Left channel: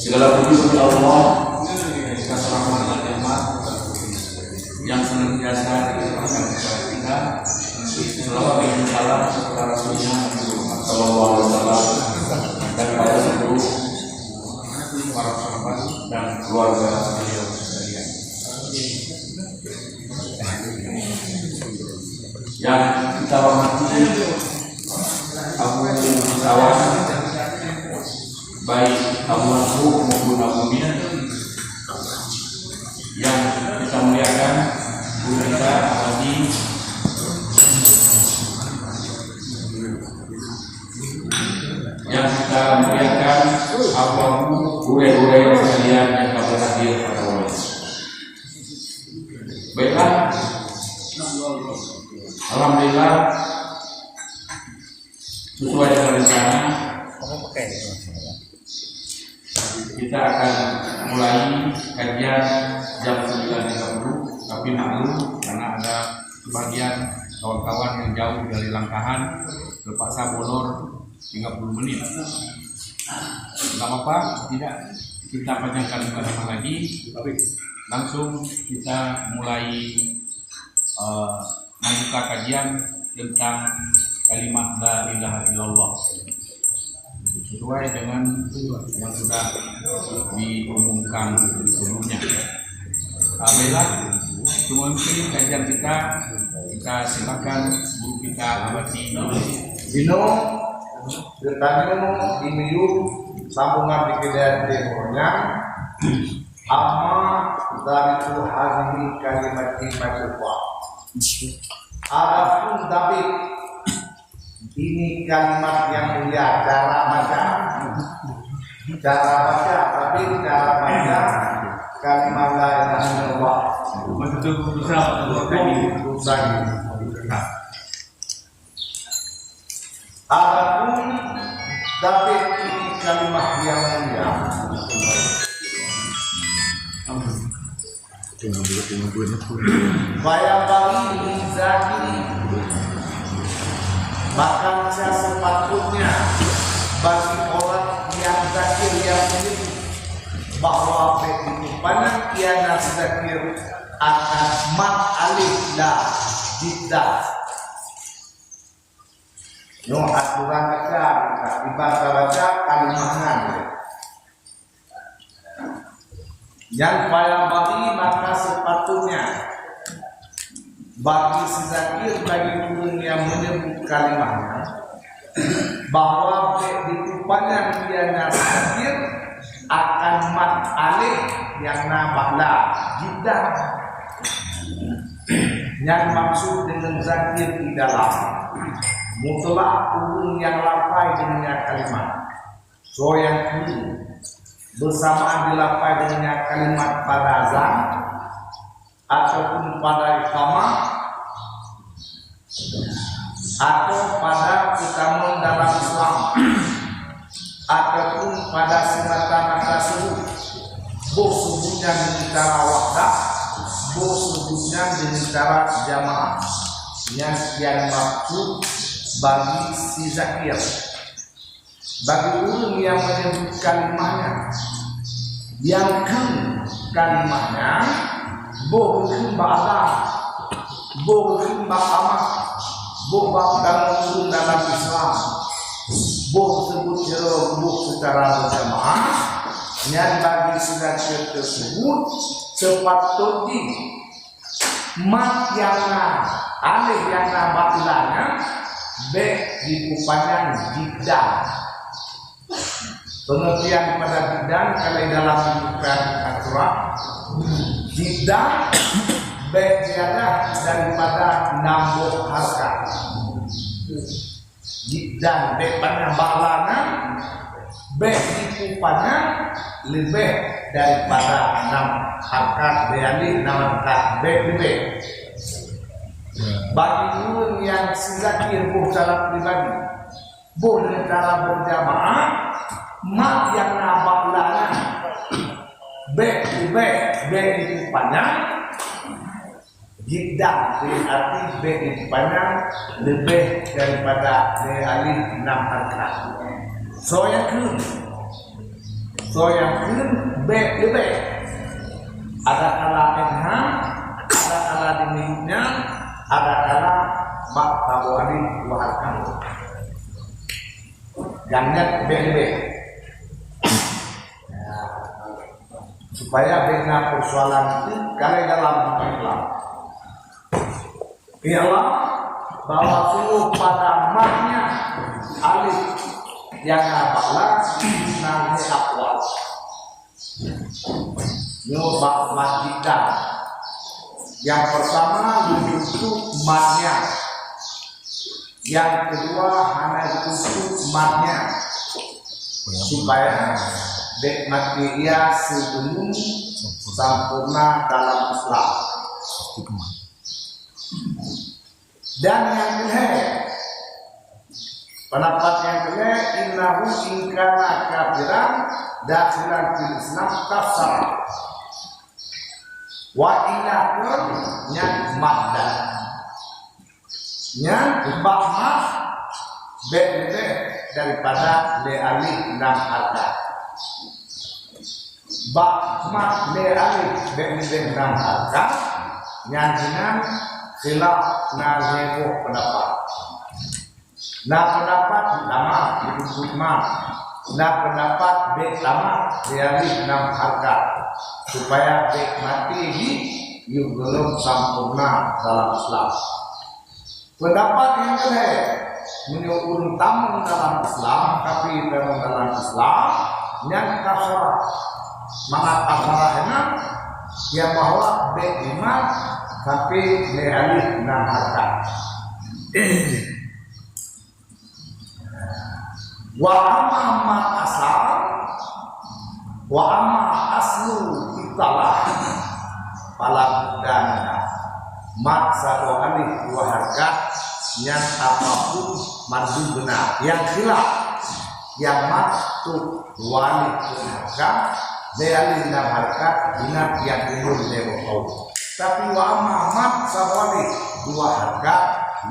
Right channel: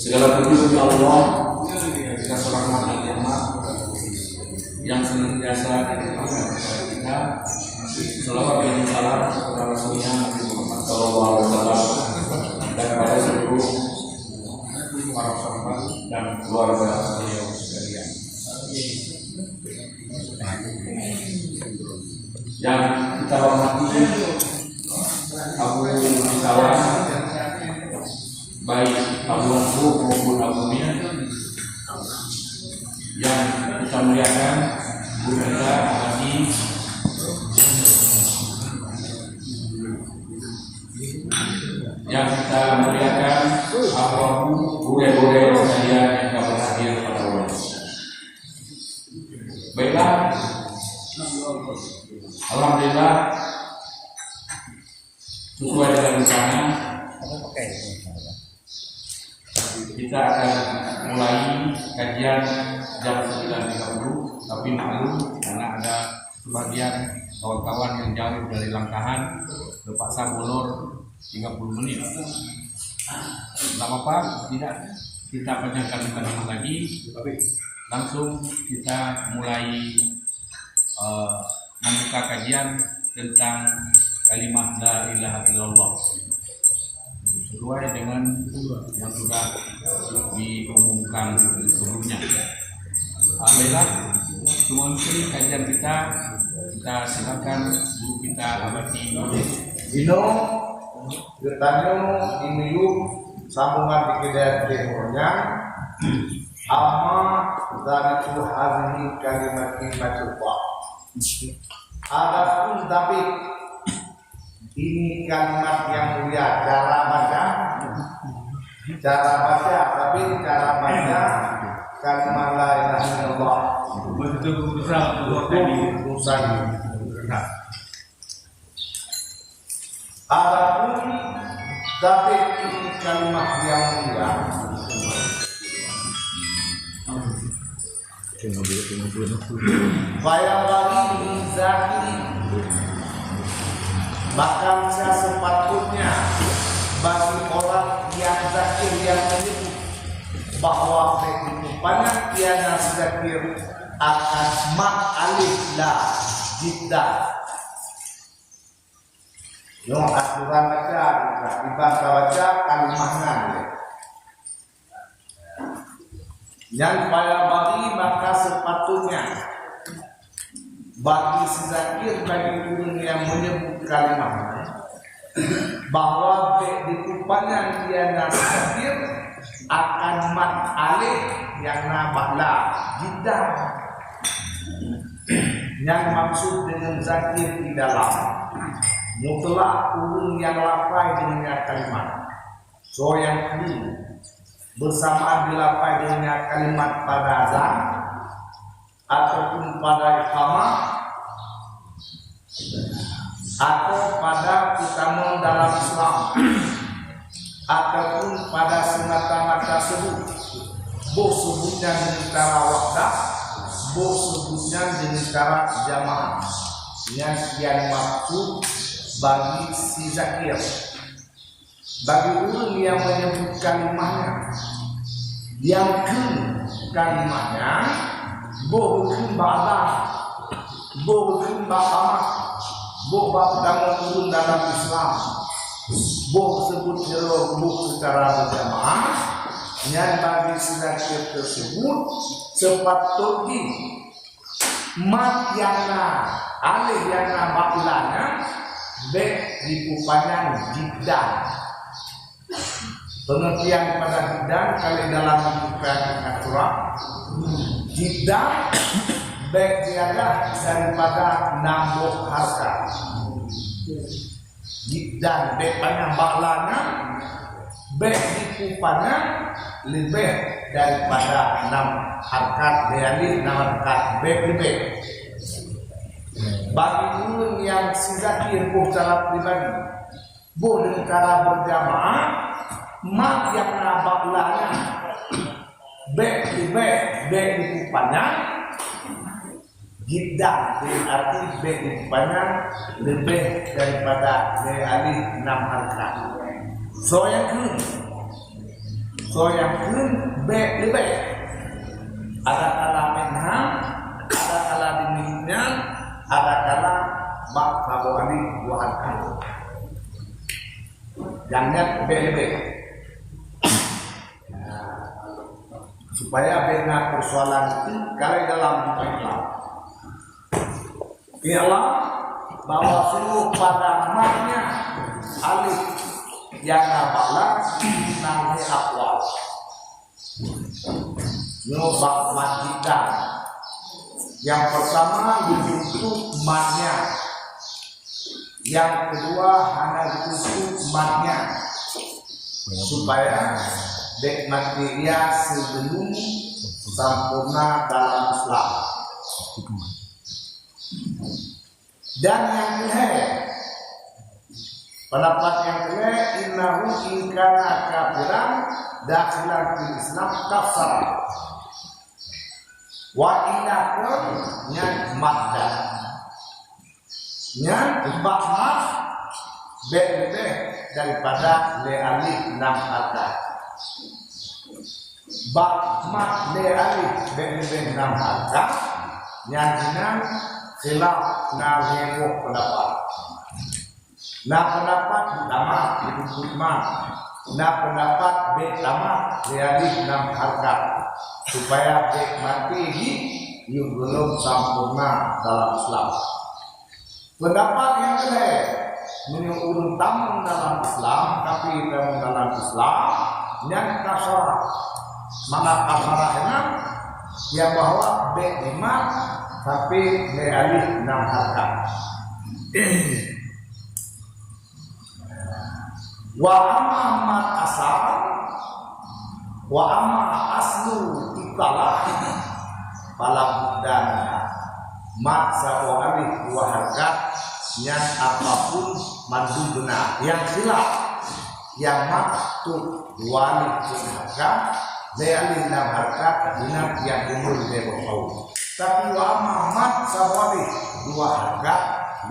Segala puji bagi Allah, atas rahmat dan nikmat yang senantiasa dilimpahkan kepada kita. Selawat dan salam kepada Rasulnya Muhammad Sallallahu Alaihi Wasallam dan kepada seluruh para sahabat dan keluarga beliau sekalian. Yang kita hormati Abu Sawan, baik Abu Hanfu maupun Abu Mir, yang kita muliakan guru kita Haji yang kita muliakan Abu guru-guru sekalian yang kami hadir pada malam. Baiklah, alhamdulillah sesuai dengan rencana kita akan mulai kajian jam 9.30, tapi maklum karena ada sebagian kawan-kawan yang jauh dari Langkahan terpaksa molor 30 menit. Tidak apa-apa, tidak kita panjangkan kalimat lagi, tapi langsung kita mulai membuka kajian tentang kalimat la ilaha illallah sesuai dengan yang sudah diumumkan sebelumnya. Alhamdulillah, mengakhiri kajian kita silakan guru kita Abadi Bino bertanya di minggu sambungan di videonya amma dari itu hari kalimat ibadah. Adapun tapi ini kalimat yang mulia cara baca, tapi cara baca kalimat la ilaha illallah betul bisa usai. Adapun tapi ini kalimat yang mulia Bayabali Zakiri, bahkan sepatutnya bagi orang yang zakir yang menyebut bahwa kehidupannya kiana zakir akan alif la jiddah. Yang aturan baca dibaca kalimatnya. Yang pada bagi maka sepatutnya bagi sezakir bagi guru yang menyebut kalimatnya bahwa kehidupannya dia nasakir akan mat alif yang nabaklah jiddah. Yang maksud dengan zakir di dalam mutlak urung yang lapai dengan kalimat. So yang kedua bersamaan dilapai dengan kalimat pada azan ataupun pada iqamah atau pada utama dalam Islam ataupun pada semata-mata subuh. Boh sebutnya dengan cara wahdah, boh sebutnya dengan cara jamaah. Yang maksud bagi si zakir, bagi orang yang menyebut kalimatnya, yang kalimatnya bukan ba'adah, bukan ba'amah, bukan dalam Islam, bukan sebut jeruk secara berjamaah. Yang bagi sedakir tersebut sepatutnya mat yang alih yang batilanya be dikupanyan jiddah. Pengertian pada bidang kalau dalam bukan aturan jiddah berjalan daripada nambah harga. Jiddah bepanah baklana dikupannya lebih daripada 6 harkat beali 6 harkat lebih. Bagi guru yang sizakir secara pribadi dengan cara berjamaah mat yang nabaklana dikupannya jiddah berarti dikupannya lebih daripada beali 6 harkat. So yang kedua So yang kun lebih ada kala enham, ada kala dimilihnya, ada kala bak kabari waharkan. Jangan lebih. Supaya bina persoalan itu kalau dalam Islam ialah bahwa seluruh pada maknya alif yang apalah nanti akwal nyobak masjidah yang pertama ditutup matnya, yang kedua hanya ditutup matnya supaya dek materia sebelum sempurna dalam Islam. Dan yang kedua, pendapat yang kedua, innahu ingkana kafiran dakhilan fil Islam kafar wa inakun yang madda yang bahmat lebih daripada le alif lam harkat. Bahmat le alif lebih lam harkat yang dinan khilaf na heboh pendapat. Na pendapat lama disebut ma. Na pendapat be lama le alif lam harkat supaya be mati yang belum sempurna dalam Islam. Pendapat yang kedua menurut tamu dalam Islam, tapi dalam Islam yang kasarah, mana kasarah enak yang bahwa B5 tapi B alif 6 harkat. Wa amma mat asal, wa amma aslu italah pala budana mat satu alif 2 harkat yang apapun madu benar yang khilaf yang maktub 2 alif 2 harkat alif 6 harkat binat yang umur dia tahu. Tapi wa amma mat satu alif 2 harkat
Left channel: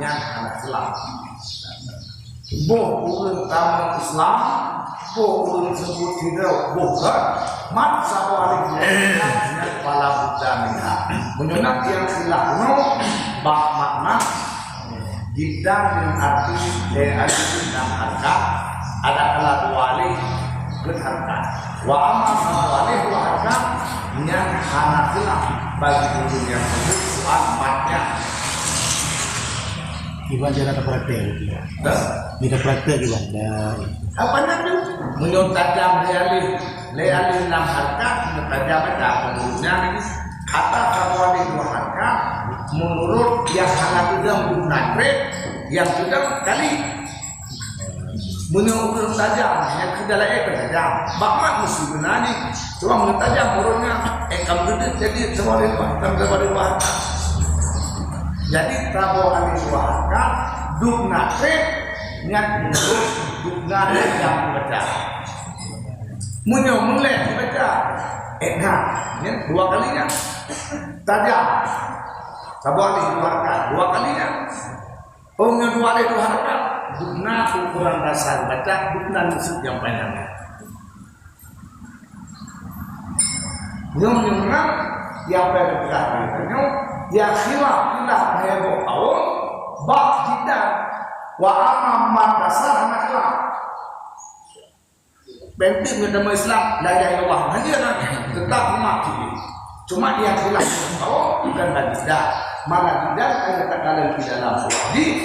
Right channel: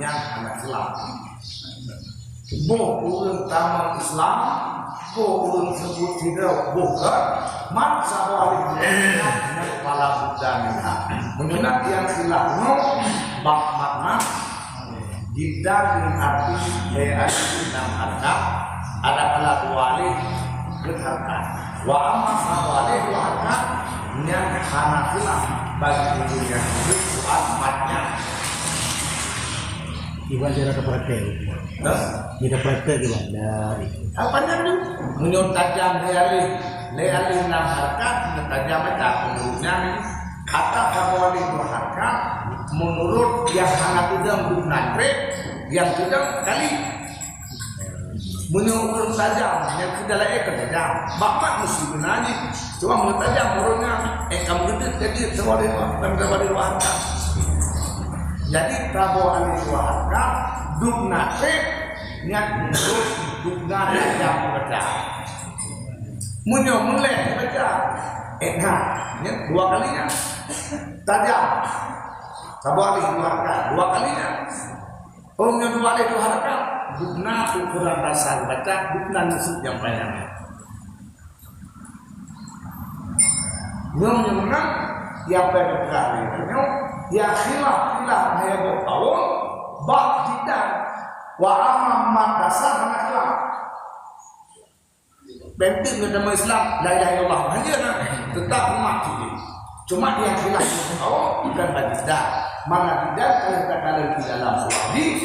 yang anak khilaf boh urun taman Islam boh urun sebut tidak bukan mat satu alif 2 harkat yang pala budana menyenang yang khilaf bak makna tidak dengan arti alif 6 harkat ada kala 2 alif berharkat wa amma satu alif 2 harkat yang hanafilah bagi guru yang sebut soal matnya Iban dia ada praktek. Kita praktek kita. Apa namanya? Menurut tajam alif 6 harkat tajam aja menurutnya kata kawali 2 harkat menurut yang hangat juga menggunakan yang sudah kali menurut tajam yang kedala tajam bapak mesti benani cuma menurut tajam menurutnya kamu gede jadi sewali harkat jadi tabu alih 2 harkat dukna yang menurut dukna yang dibaca mulai dibaca ini 2 kalinya tajam tabu alih 2 harkat 2 kalinya punya 2 alih 2 harkat dukna ukuran dasar baca dukna musuh yang panjang nyong yang berkali ya khilaf heboh tahun bak tidak wa amma dasar anak khilaf penting dalam Islam la ilaha illallah hanya tetap mati cuma yang khilaf bukan tidak mana tidak kata-kata di dalam hadis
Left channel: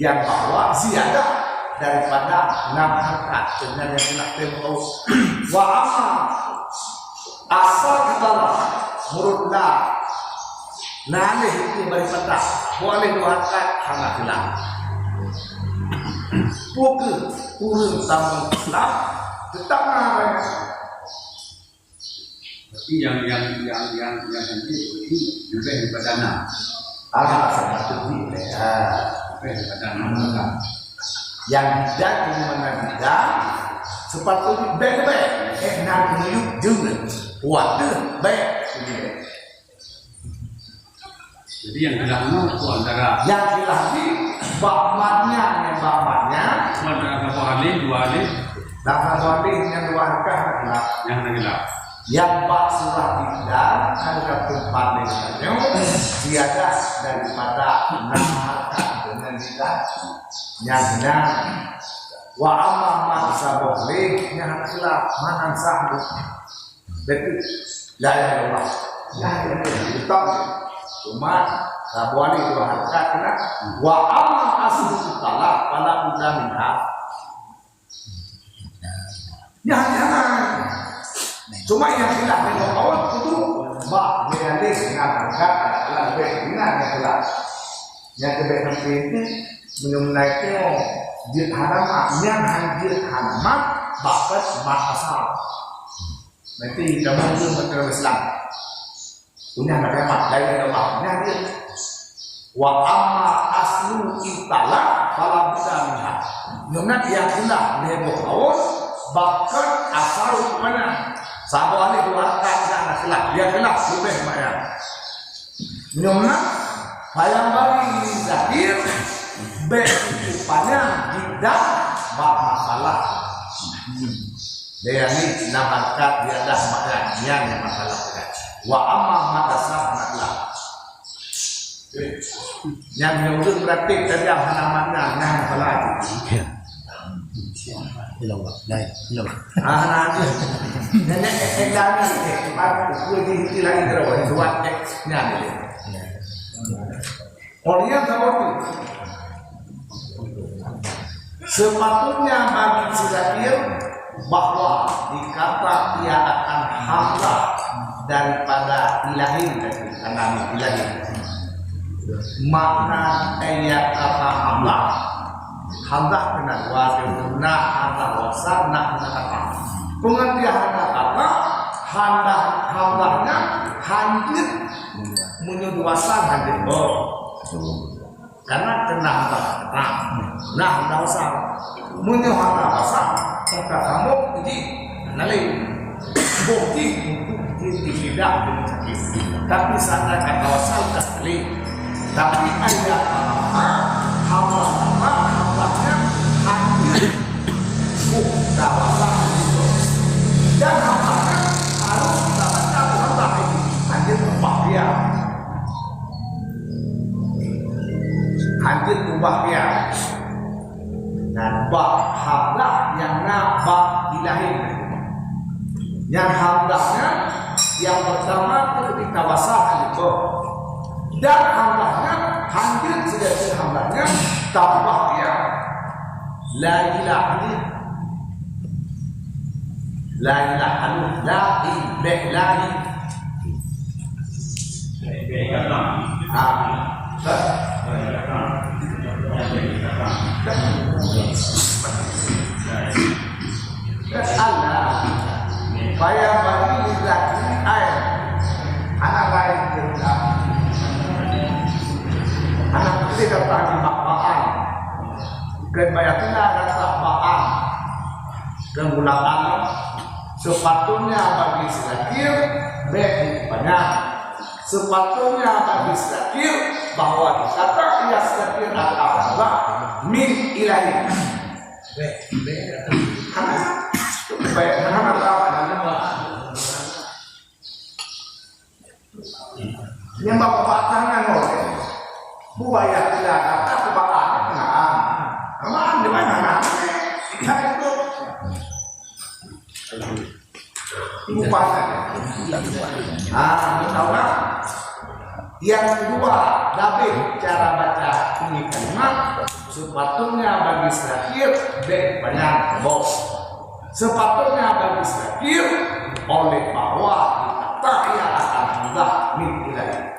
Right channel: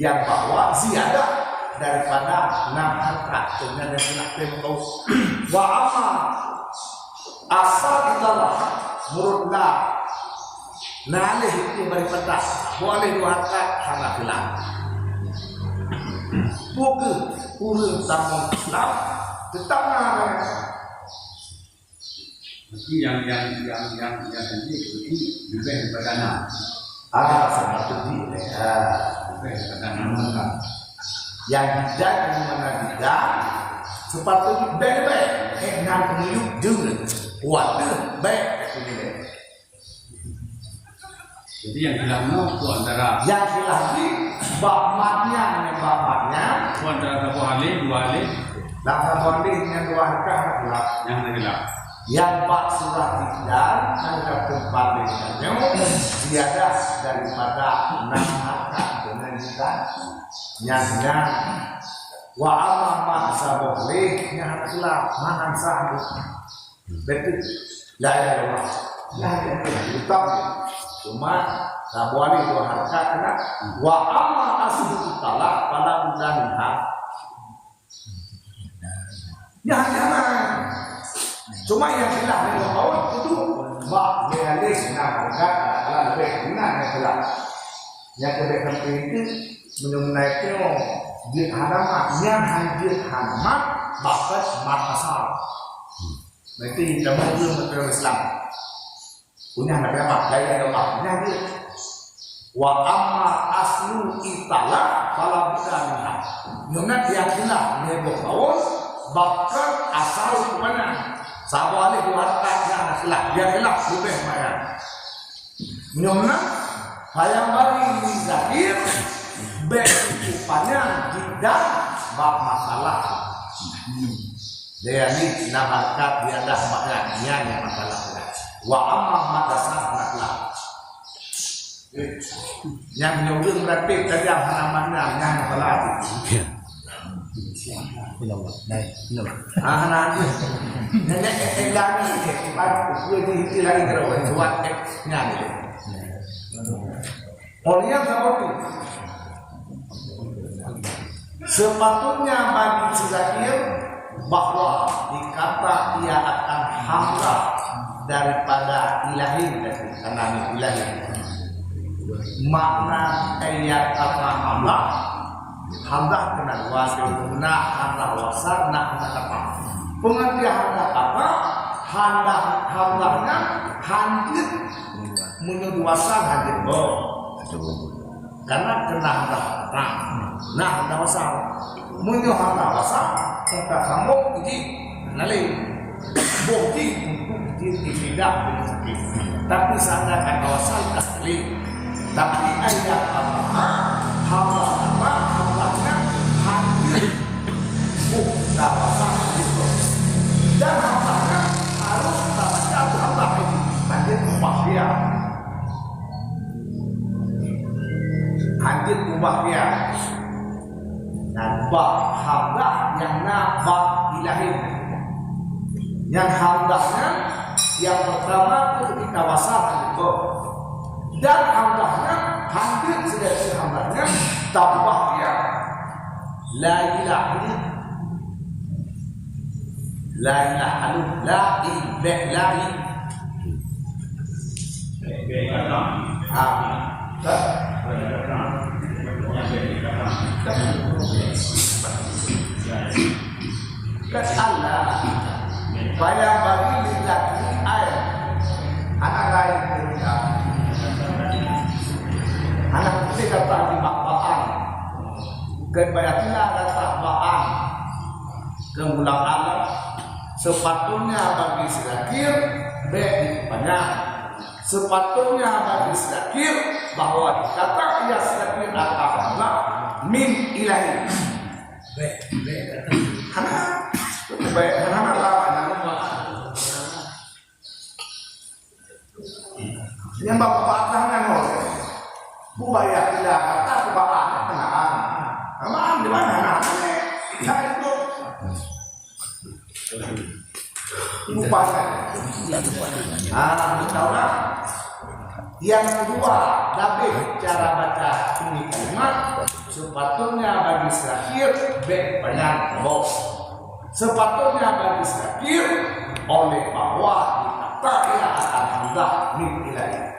yang bahwa ziyadah daripada 6 harkat sebenarnya tidak tahu wa amma asal itulah murudlah nalih itu daripada boleh 2 harkat hana hilang bukan urun tamu Islam tetap namanya berarti yang ini juga daripada 6 satu lebih daripada 6 kan yang tidak mana tidak sepatutnya baik-baik nak hidup juga kuat baik jadi yang hilang itu antara yang hilang ini bahmatnya itu antara kabu alif 2 alif Dah bonding yang dua harkat adalah yang adalah yang bak surah tidak ada tempat dengannya tiada daripada 6 harkat dengan kita yang wa amma maksa boleh yang adalah mahan sahbu betul la ilaha illallah la ilaha illallah cuma kabuali dua harkat kena wa amma aslu talak pada udahnya ya jangan cuma yang hilang dari kawan itu bak mehalis dengan harkat adalah lebih ringan yang hilang yang lebih penting mengenai teo jid hadamat yang hadir hadamat bakat mat asal nanti kita mungkin betul Islam punya hadamat lain Allah hadir wa amma aslu itala fala bisanha nunat yang hilang nebo kawan bakat asal mana sabu alih dua harkat yang hilang dia hilang lebih banyak nunat hayang bari zakir berikupannya tidak bab masalah dia ni nak harkat dia dah maknanya yang masalah wa amma matasah anaklah yang menurut berarti kerja hanamannya yang masalah anak nenek edan ni cepat pergi hilang terus buat nya ni orang tahu sepatutnya bagi si zakir bahwa dikata ia akan hamlah daripada ilahi karena ilahi makna ayat kata hamlah kena wajib guna hamlah wasar nak apa pengertian kata hamlahnya hadir menyuruh wasar hadir karena kena hantar nah hantar wasal muncul hantar wasal serta kamu jadi nanti bukti untuk tidak tapi sana kata wasal tak boleh tapi ada hamlahnya hadir bukta wasal itu dan hamlahnya harus baca hamlah itu hadir tempat dia hadir ubah dia dan bab hamlah yang nabak ilahi yang hamlahnya yang pertama ketika wasal itu dan hamlahnya hadir sedang hamlahnya tambah dia la ilaha la ilaha la ilaha Allah supaya bagi laki air anak lain kerja anak kecil dapat dimakan kepada kita dapat makan kemulang alam sepatutnya bagi zakir baik banyak sepatutnya bagi zakir bahwa dikata ia zakir akan Allah min ilahi karena Allah yang bapak jangan oleh buaya tidak kata kebakan aman di mana anaknya saya itu lupa tahu tak yang kedua dabih cara baca ini kalimat sepatutnya bagi zakir baik banyak bos sepatutnya bagi zakir oleh bahwa tak ia akan hendak nilai